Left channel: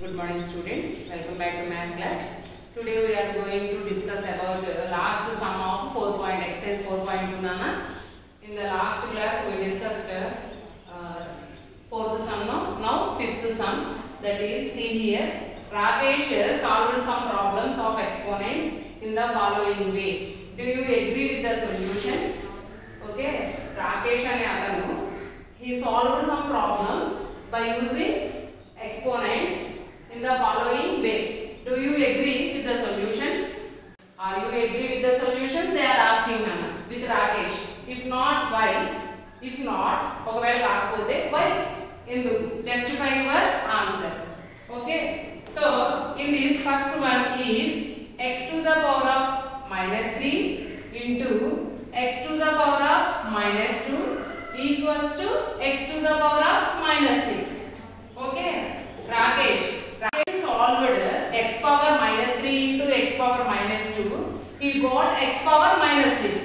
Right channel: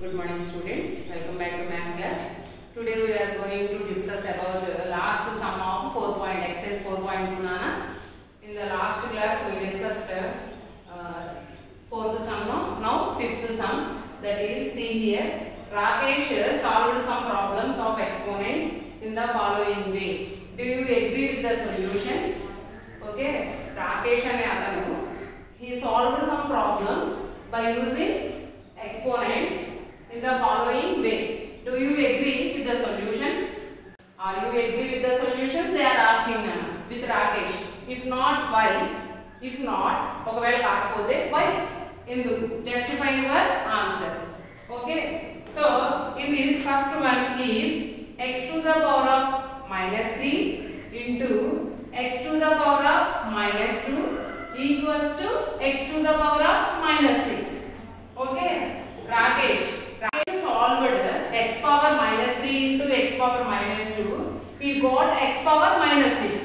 Good morning students, welcome back to math class. Today we are going to discuss about last sum of 4 exercise 4.2 Nana. In the last class we discussed fourth sum, now fifth sum, that is, see here, Rakesh solved some problems of exponents in the following way. Do you agree with the solutions? Okay, Rakesh and Adanu, he solved some problems by using exponents in the following way. Do you agree with the solutions? Are you agree with the solutions? They are asking Nana with Rakesh. If not, why? If not, okavela kaakapothe why? Enduku? Justify your answer. Okay. So in this first one is x to the power of minus 3 into x to the power of minus 2 equals to x to the power of minus 6. Okay. Rakesh solved x power minus 3 into x power minus 2. He got x power minus 6.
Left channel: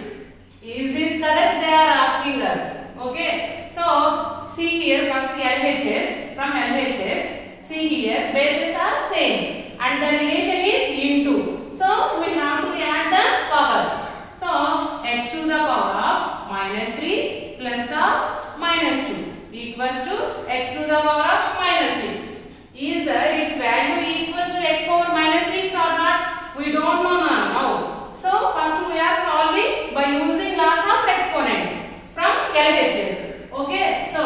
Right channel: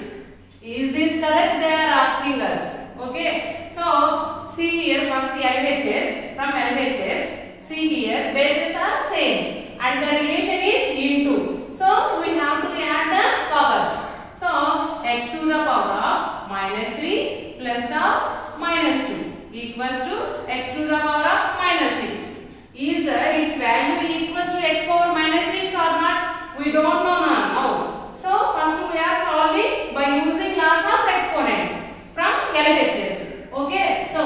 Is this correct? They are asking us. Okay. So see here, first LHS, from LHS, see here, bases are same and the relation is into. So we have to add the powers. So x to the power of minus 3 plus of minus 2 equals to x to the power of minus 6. Is its value equals to x power minus 6 or not? We don't know now. So first we are solving by using laws of exponents from LHS. Okay. So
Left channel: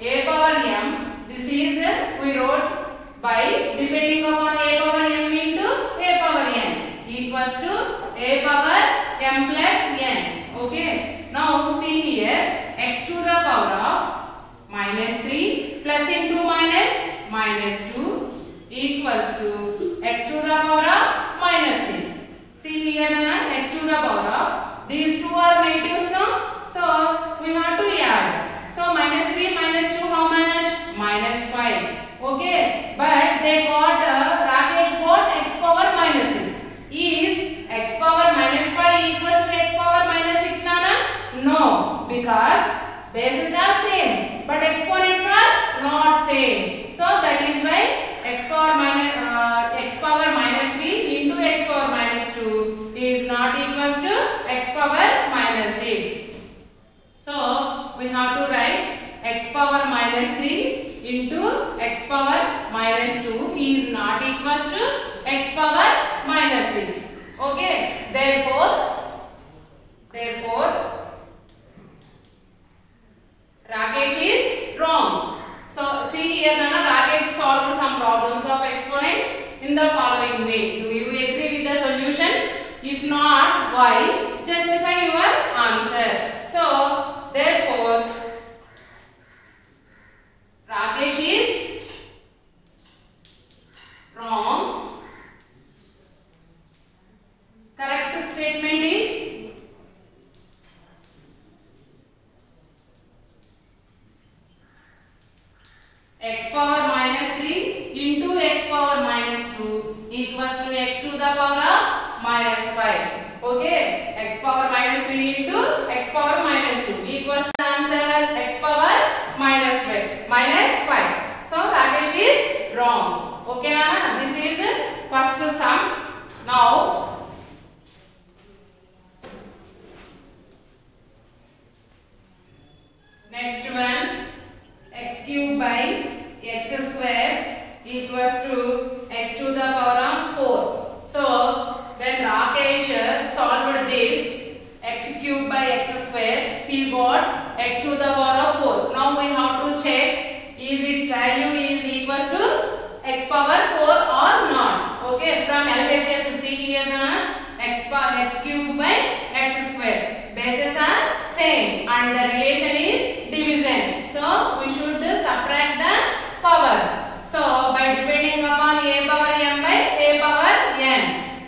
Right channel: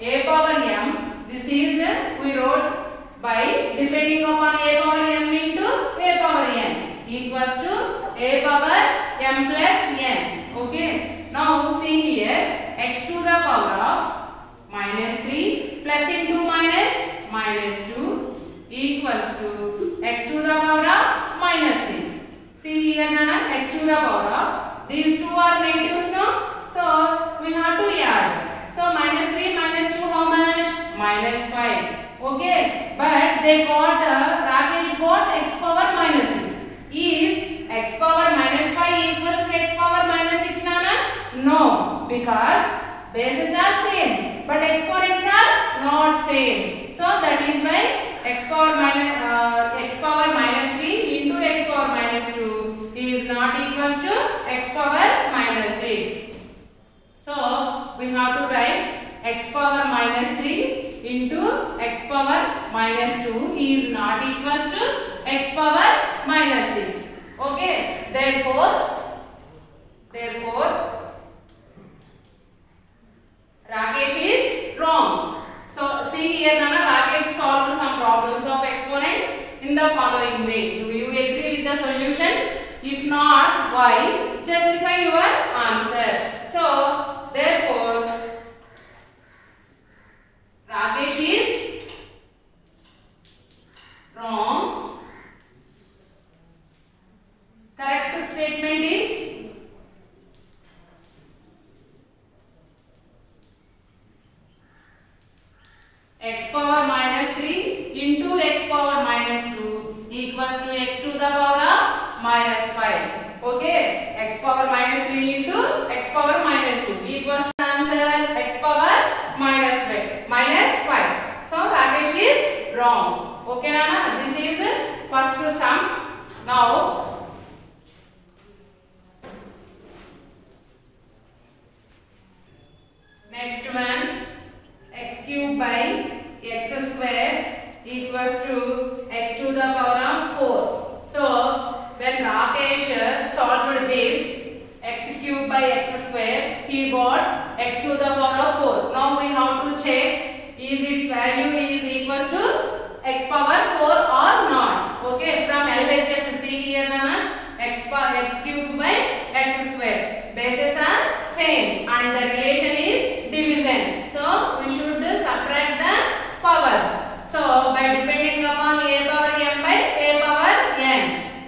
a power m, this is we wrote by depending upon a power m into a power n equals to a power m plus n. Okay. Now see here, x to the power of minus 3 plus into minus 2 equals to x to the power of minus 6. See here, x to the power of, these two are negatives now, so we have to add. So minus 3 minus 2 how much? Minus 5. Okay, but they got, Rakesh got x power minus 6. Is x power minus 5 equals to x power minus 6 Nana? No, because bases are same but exponents are not same. So that is why x power minus 3 into x power minus 2 is not equals to x power minus 6. So we have to write x power minus 3 into x power minus 2 is not equals to x power minus 6. Okay. Therefore Rakesh is wrong. So see here, Nana, Rakesh solved some problems of exponents in the following way. Do you agree with the solutions? If not, why? Justify your answer. So therefore, Rakesh is wrong. Correct statement is x power minus 3 into x power minus 2 equals to x to the power of minus 5. Okay, x power minus 3 into x power minus 2 equals to answer x power minus 5. So Rakesh is wrong. Okay, Nana, this is first sum. Now next one, x cube by x square equals to x to the power of 4. So when Rakesh solved this x cube by x square, he got x to the power of 4. Now we have to check is its value is equals to x power 4 or not. Okay, from LHS, see here na, x cube by x square. Bases are same and the relation is division. So we should subtract the powers. So by depending upon a power m by a power n.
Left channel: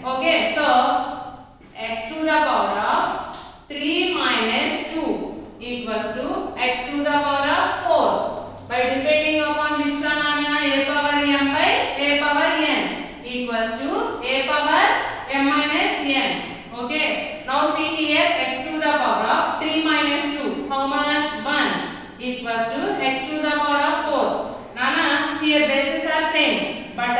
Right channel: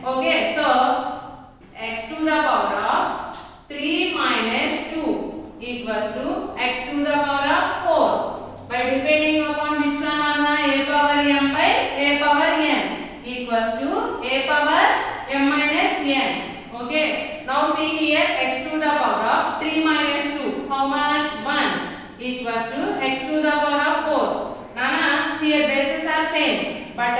Okay, so x to the power of 3 minus 2 equals to x to the power of 4. By depending upon which one, a power m by a power n equals to a power m minus n. Okay, now see here, x to the power of 3 minus 2, how much? 1 equals to x to the power of 4. Nana, here bases are same. but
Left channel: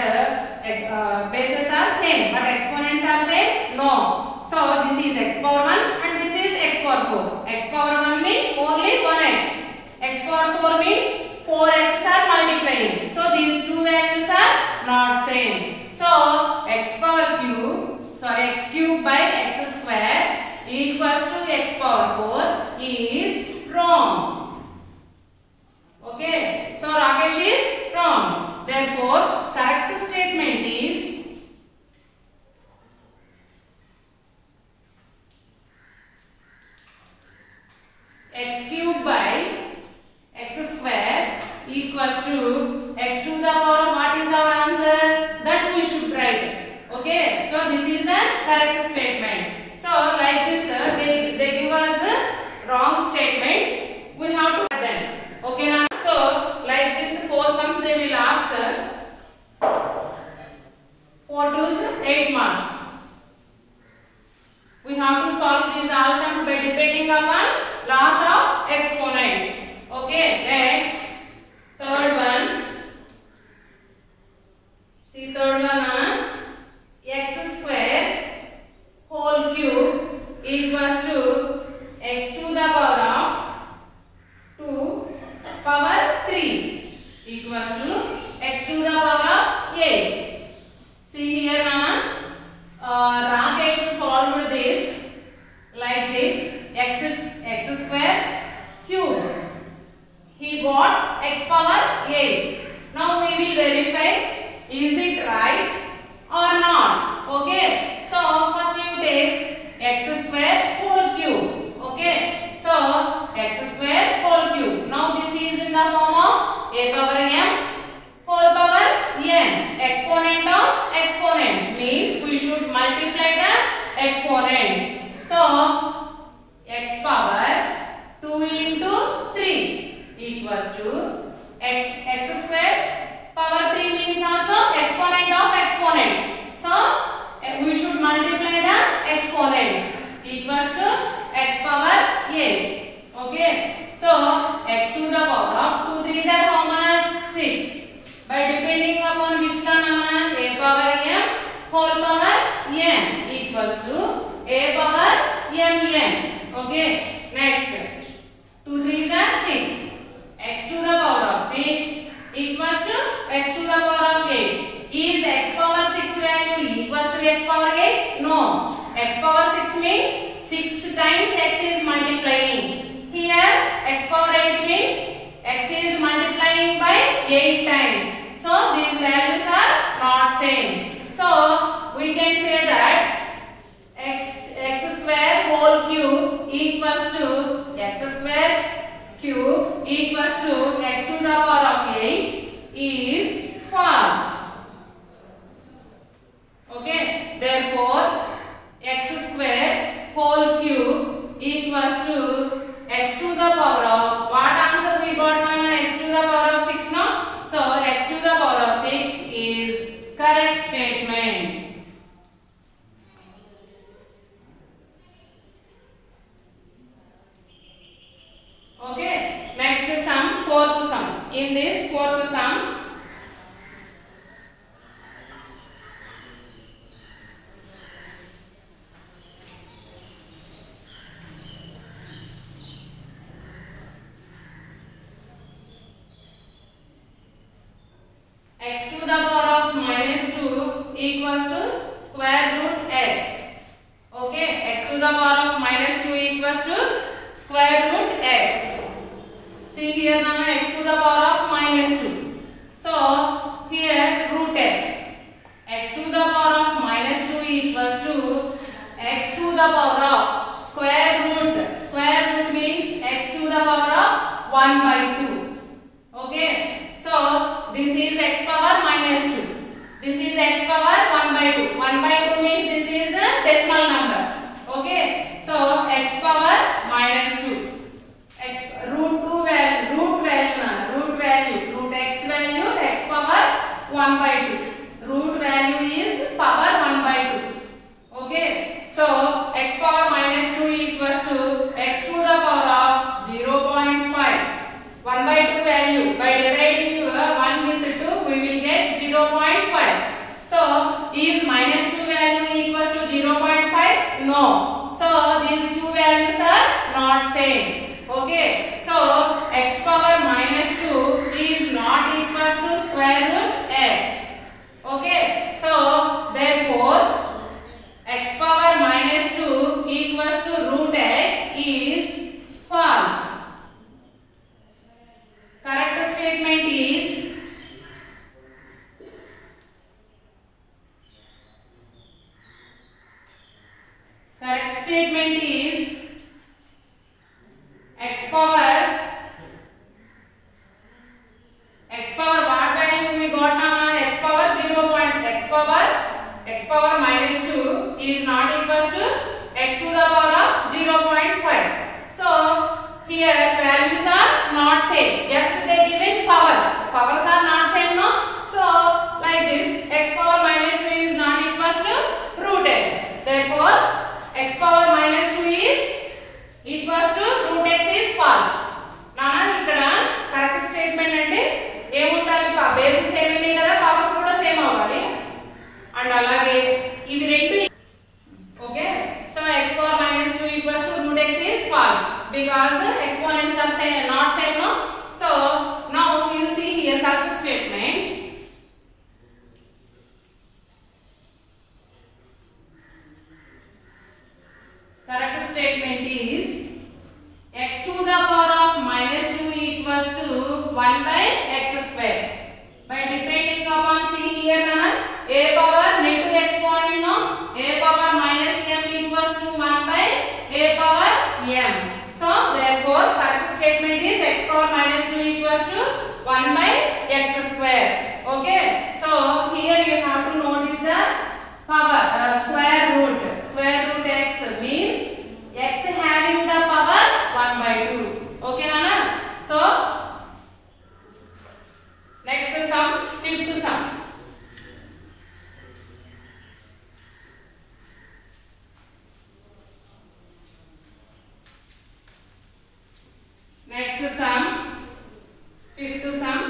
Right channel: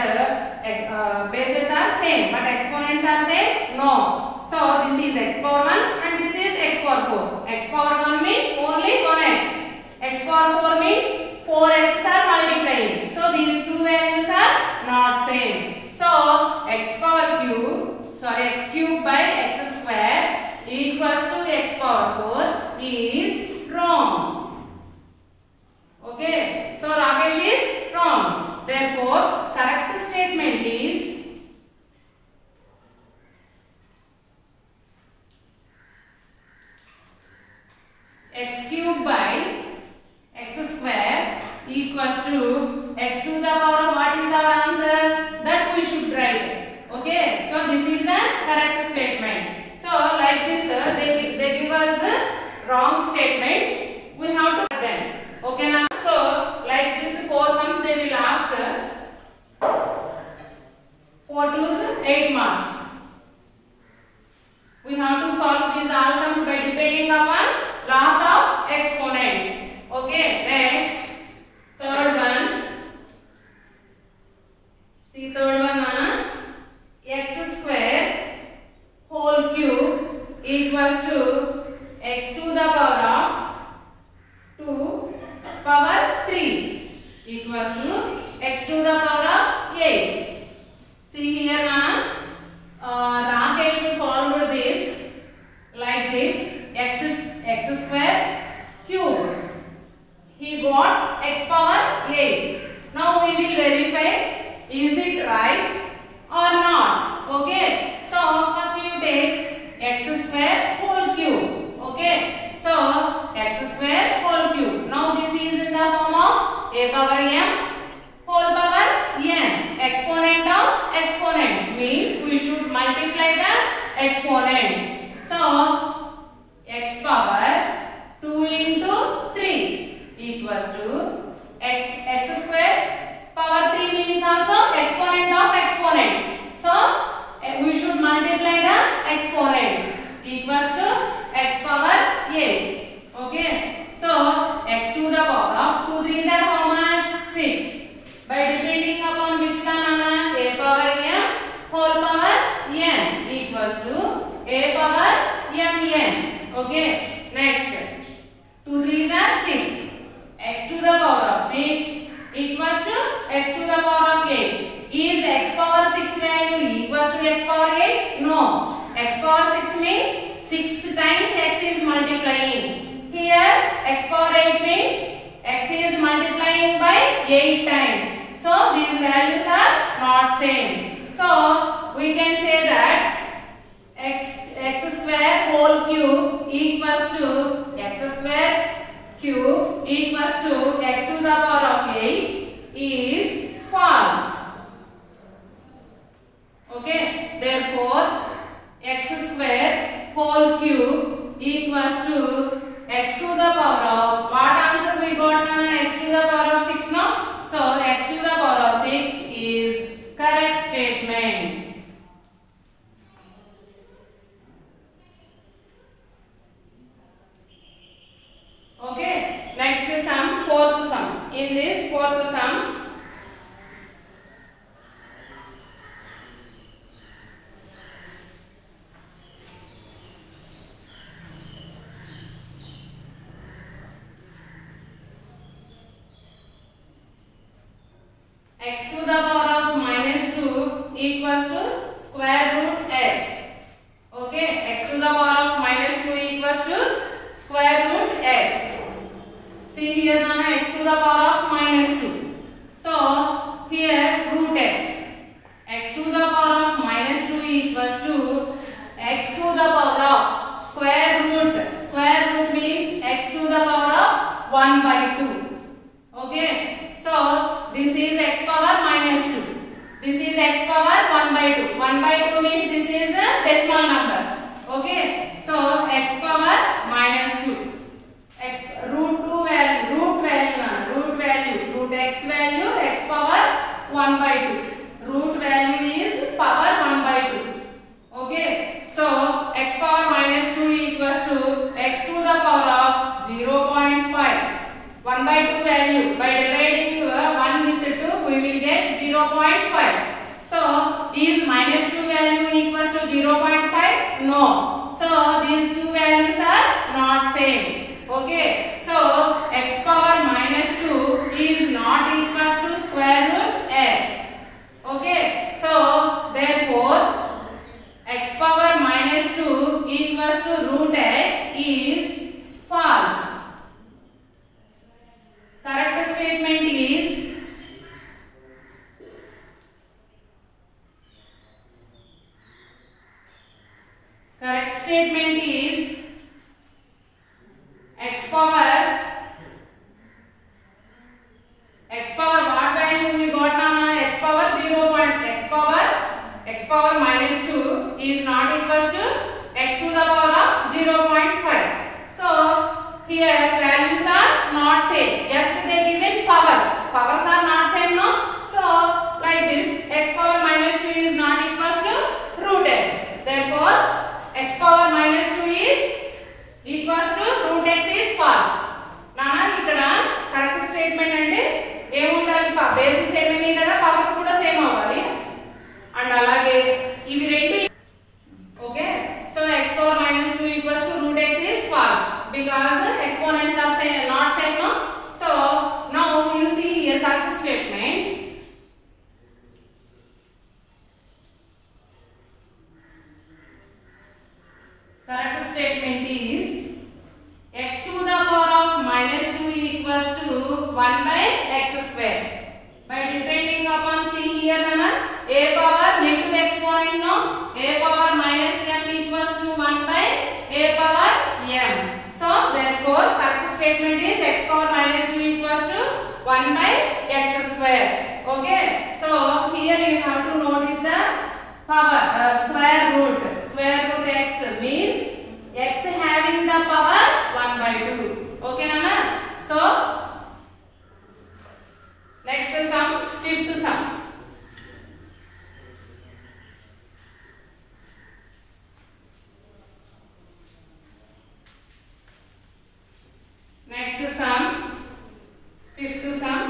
bases are same, but exponents are same? No. So this is x power 1 and this is x power 4. X power 1 means only 1x. X power 4 means 4x are multiplying. So these two values are not same. So x cube by x square equals to x power 4 is wrong. Okay. So Rakesh is wrong. Therefore, correct statement is x cube by x square equals to x to the power of what is our answer? That we should write. Okay. So this is the correct statement. So like this, they give us the wrong statements. We have to write them. Okay now. So like this 4 sums they will ask 4 to 8 marks. We have to solve these all sums by depending upon laws of exponents. Okay, next third one. See third one, x square whole cube equals to x to the power of 2 power 3 equals to x to the power of 8. See here, Rakesh solved this like this, x square cube. He got x power 8. Now we will verify is it right or not. Okay. So first you take x square whole cube. Okay. So x square whole cube. Now this is in the form of a power m whole power n. Exponent of exponent means we should multiply the exponents. So x power 2 into 3 equals to x square power 3 means also exponent of exponent. So we should multiply the exponents equals to x power 8. Okay. So x to the power of 2 3s are how much? 6. By depending upon which term, a power m whole power n equals to a power mn. Okay. Next 2 3s are 6. X to the power of 6 equals to x to the power of 8. Is x power 6 value equals to x power 8? No. X power 6 means 6 times x is multiplying. Here x power 8 means x is multiplying by 8 times. So these values are not same. So we can say that x square whole cube equals to x square cube equals to x to the power of 8 is false. Okay. Therefore, x square whole cube equals to x to the power of what answer we got? X to the power of 6, no? So x to the power of 6 is correct statement. Okay. Next sum, fourth sum. In this fourth sum, x to the power of minus 2 equals to square root x. Okay, x to the power of minus 2 equals to square root x. See here now x to the power of minus 2. So here root x. X to the power of minus 2 equals to x to the power of square root. Square root means x to the power of 1 by 2. Okay. So this is x power minus 2. This is x power 1 by 2. 1 by 2 means this is a decimal number. Okay. So x power minus 2. Root x value x power 1 by 2. Root value is power 1 by 2. Okay. So x power minus 2 equals to x to the power of 0.5. 1 by 2 value. By dividing 1 with 2, we will get 0.5. 0.5. So is minus 2 value equals to 0.5? No. So these two values are not same. Okay. So x power minus 2 is not equals to square root x. Okay. So therefore x power minus 2 equals to root x is false. Correct statement is x power what value we got now? X power 0. X power minus 2 is not equals to x to the power of 0.5. So here values are not same. Just they given powers. Powers are not same, no? So like this, x power minus 2 is not equals to root x. Therefore x power minus 2 is equals to root x is false. Nana ikkada correct statement ante ఏముండాలి? Basics ఏమేమి కదా, powers కూడా same అవ్వాలి. And అలాగే ఇవి రెండు okay. So x power minus 2 equals to root x is false because exponents are same, not same, no? So now you see here correct statement. Correct statement is x to the power of minus 2 equals to 1 by x square. By depending upon, see here nana, a power negative exponent, no? A power minus m equals to 1 by a power m. So therefore correct statement is x power minus 2 equals to 1 by x square. Okay. So here you have to notice the power square root. Square root x means x having the power 1 by 2. Okay nana? So next sum, fifth sum. Next sum, fifth sum.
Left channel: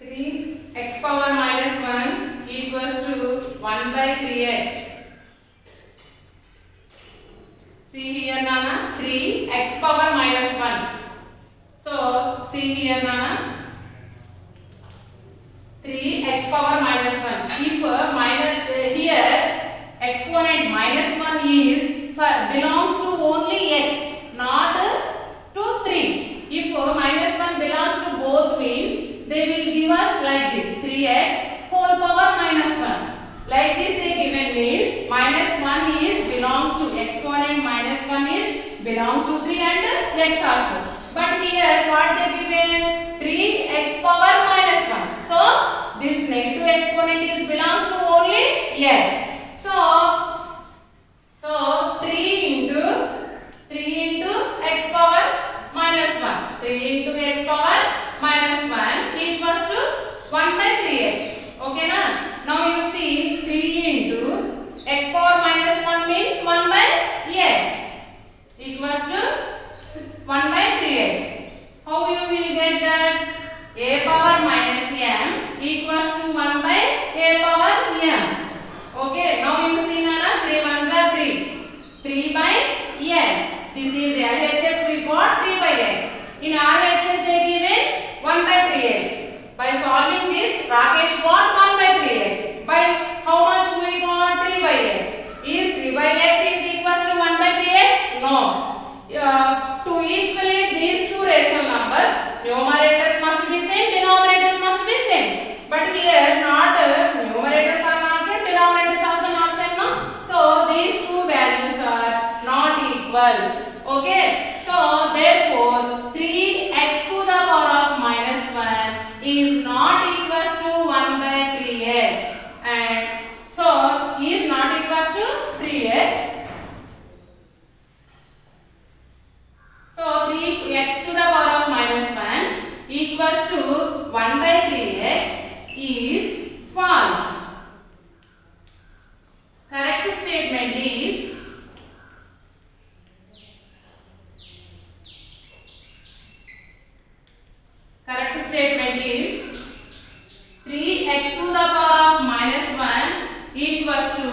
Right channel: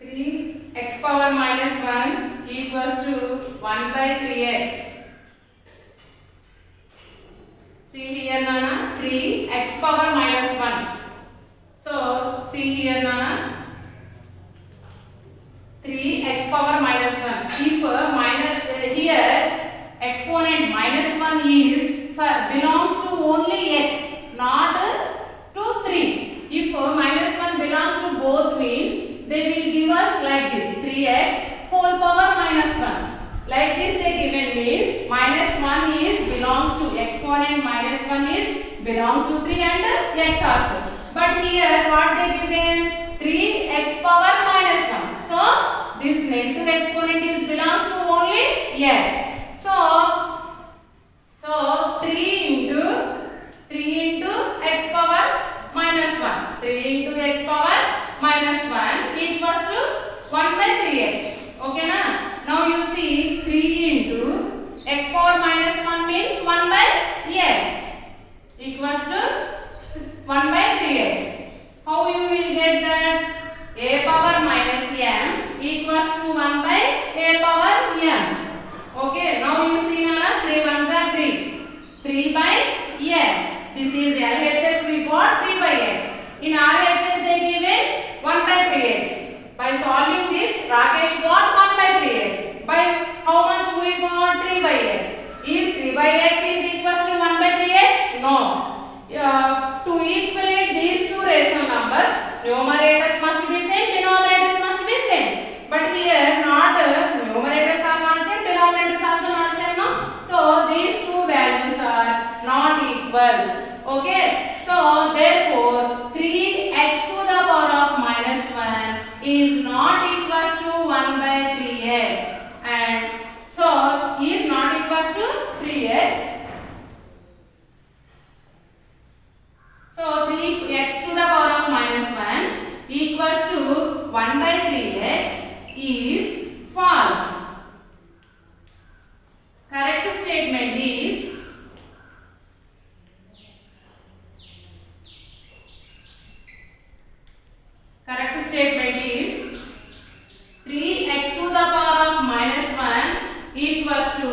3x power minus 1 equals to 1 by 3x. See here nana, 3x power minus 1. So see here nana, 3x power minus 1. If here exponent minus 1 is belongs to only x, not to 3. If minus 1 belongs to both means they will give us like this, 3x whole power minus 1. Like this they given means minus 1 is belongs to exponent minus 1 is belongs to 3 and x also. But here what they given? 3x power minus 1. So this negative exponent is belongs to only x. So 3 into x power minus 1. 3 into x power minus 1 equals to 1 by 3x. Okay na? Now you see 3 into x power minus 1 means 1 by x equals to 1 by 3x. How you will get that? A power minus m equals to 1 by a power m. Okay, now you see nana, 3 ones are 3. 3 by x. This is LHS, we got 3 by x. In RHS they given 1 by 3x. By solving this, Rakesh got 1 by 3x. By how much we got 3 by x? Is 3 by x is equals to 1 by 3x? No. To equate these two rational numbers, numerators must be same, denominators must be same. But here not numerators are not same, denominators also not same. No. So these two values are not equals. Okay. So therefore 3x to the power of minus 1 is not equals to 1 by 3x, and so is not equals to 3x. So 3x to the power of minus 1 equals to 1 by 3x is false. Correct statement is statement is 3x to the power of -1 equals to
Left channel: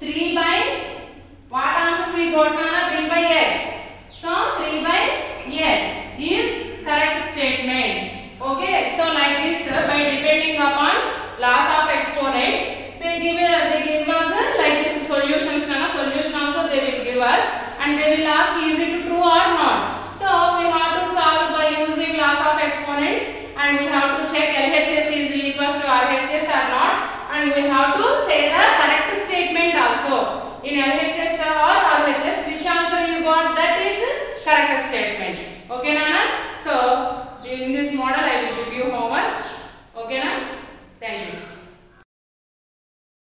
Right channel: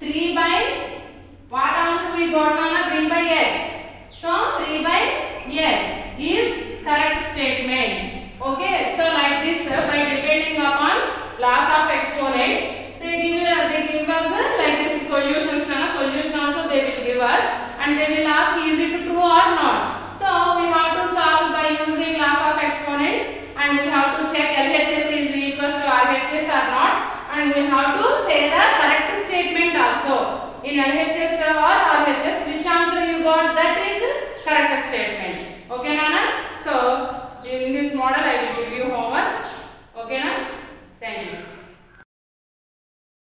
3 by what answer we got now? 3 by x. So 3 by x is correct statement. Okay. So like this, by depending upon laws of exponents, they give us like this solutions. Solution also they will give us, and they will ask is it true or not. So we have to solve by using laws of exponents, and we have to check LHS is equals to RHS or not, and we have to say the correct statement also. In LHS or RHS, which answer you got, that is correct statement.